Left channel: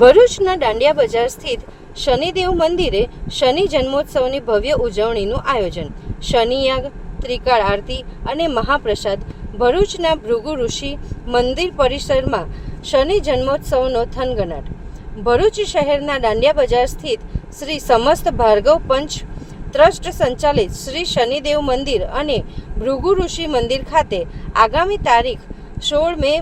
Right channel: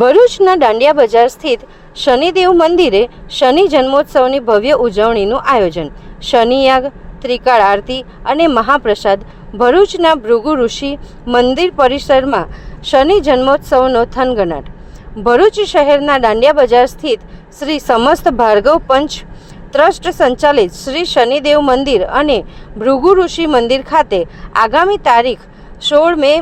ભરૂચના દાંડિયા બજાર સ્થિત શનિદેવ મંદિરે શનિ જન્મોત્સવની ભવ્ય ઉજવણીનું આયોજન, શનિયાગ, ત્રિકાળ આરતી અને મહાપ્રસાદ. ભરૂચના ભૃગુ ઋષિ મંદિર પરિસરમાં શનિ જન્મોત્સવનો થનગનાટ. ભરૂચ શહેરના દાંડિયા બજાર સ્થિત શ્રી સમસ્ત ભાર્ગવ પંચ ટ્રસ્ટ સંચાલિત શ્રી શનિદેવ મંદિર અને ભૃગુ ઋષિ મંદિર ખાતે આગામી તારીખ 16 મે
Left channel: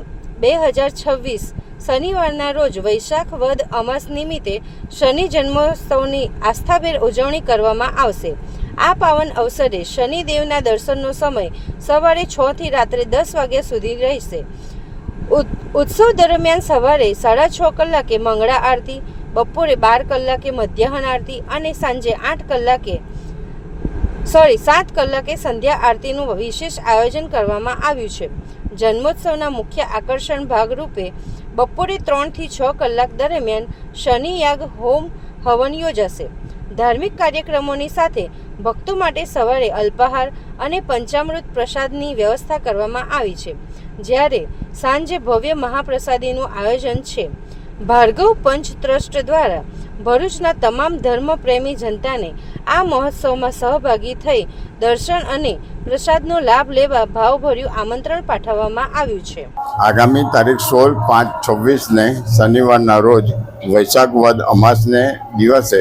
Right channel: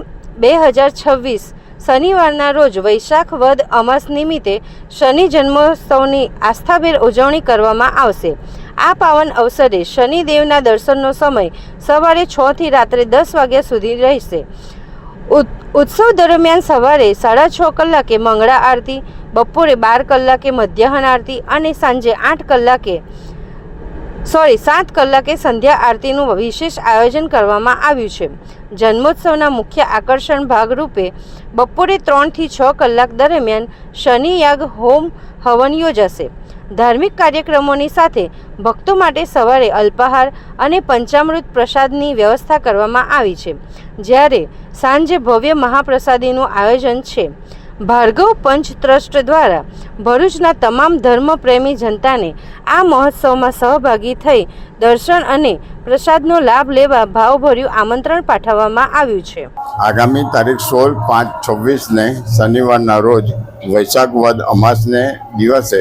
2026 શનિવારના રોજ વૈશાખ વદ અમાસ નિમિત્તે શનિ જન્મોત્સવની આસ્થાભેર ઉજવણી કરવામાં આવશે. આ પાવન અવસરે શનિદેવના દર્શનનો સમય સવારે 6 થી રાત્રે 10 વાગ્યા સુધી રહેશે. ઉત્સવ દરમિયાન સવારે 6:30 કલાકે મંગળા આરતી, બપોરે 12 કલાકે મધ્યાહન આરતી અને સાંજે 7 કલાકે સંધ્યા આરતીનું વિશેષ આયોજન કરવામાં આવ્યું છે. જન્મોત્સવના મુખ્ય આકર્ષણ ભાગરૂપે બપોરે 3 થી 6 કલાક દરમિયાન શનિયાગ હોમ હવન યોજાશે. ધાર્મિક કાર્યક્રમોની સાથે ભક્તો માટે સવારે અલ્પાહાર અને પંચામૃત પ્રસાદની વ્યવસ્થા કરવામાં આવી છે, જ્યારે સાંજે ભવ્ય મહાપ્રસાદીનું આયોજન છે. ભાર્ગવ પંચ ટ્રસ્ટ દ્વારા ભરૂચના તમામ ધર્મપ્રેમી જનતાને આ મહોત્સવમાં સહભાગી થઈ દર્શન અને પ્રસાદનો લાભ લેવા ભાવભર્યું આમંત્રણ પાઠવવામાં આવ્યું છે. આગામી તારીખ 16/5/26ને શનિવારના રોજ વૈશાખ વદ અમાસને દિવસે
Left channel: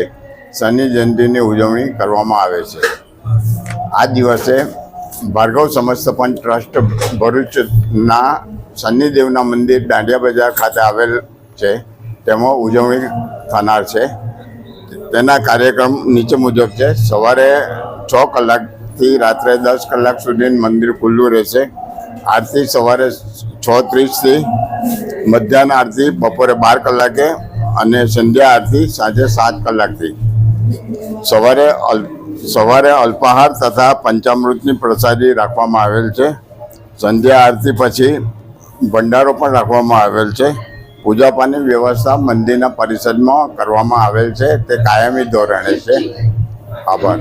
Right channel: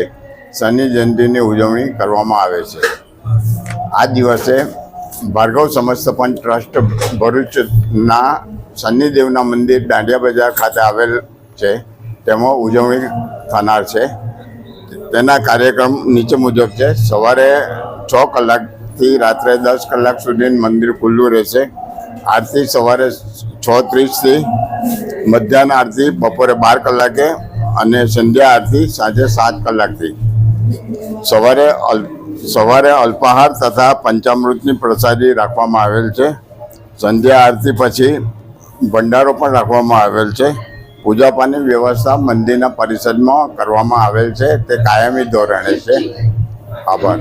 શનિ જયંતિની ઉજવણી કરવામાં આવે છે. આ દિવસે ભાર્ગવ સમસ્ત પંચ ટ્રસ્ટ ભરૂચના શનિદેવના મંદિર દાંડિયા બજાર ખાતે આવેલ છે, તેમાં ઉજવણી થનાર છે. તેના કાર્યક્રમ નીચે મુજબ છે. સવારે 6 કલાકથી રાત્રે 10 કલાક સુધી મંદિર ખુલ્લું રહેશે. આરતી સવારે 6:30થી, મધ્યાહન આરતી બપોરે 12 કલાકે અને સંધ્યા આરતી સાંજે 7 કલાકથી. સવારે અલ્પાહાર તથા પંચામૃતની પ્રસાદી રાખવામાં આવેલ છે. સંધ્યા આરતી પછી ભંડારો પણ રાખવામાં આવેલ છે. પૂજાપાની વ્યવસ્થા મંદિરના પરિસરમાં કરવામાં આવેલ છે, તે કાયમી ધોરણે છે. આભાર.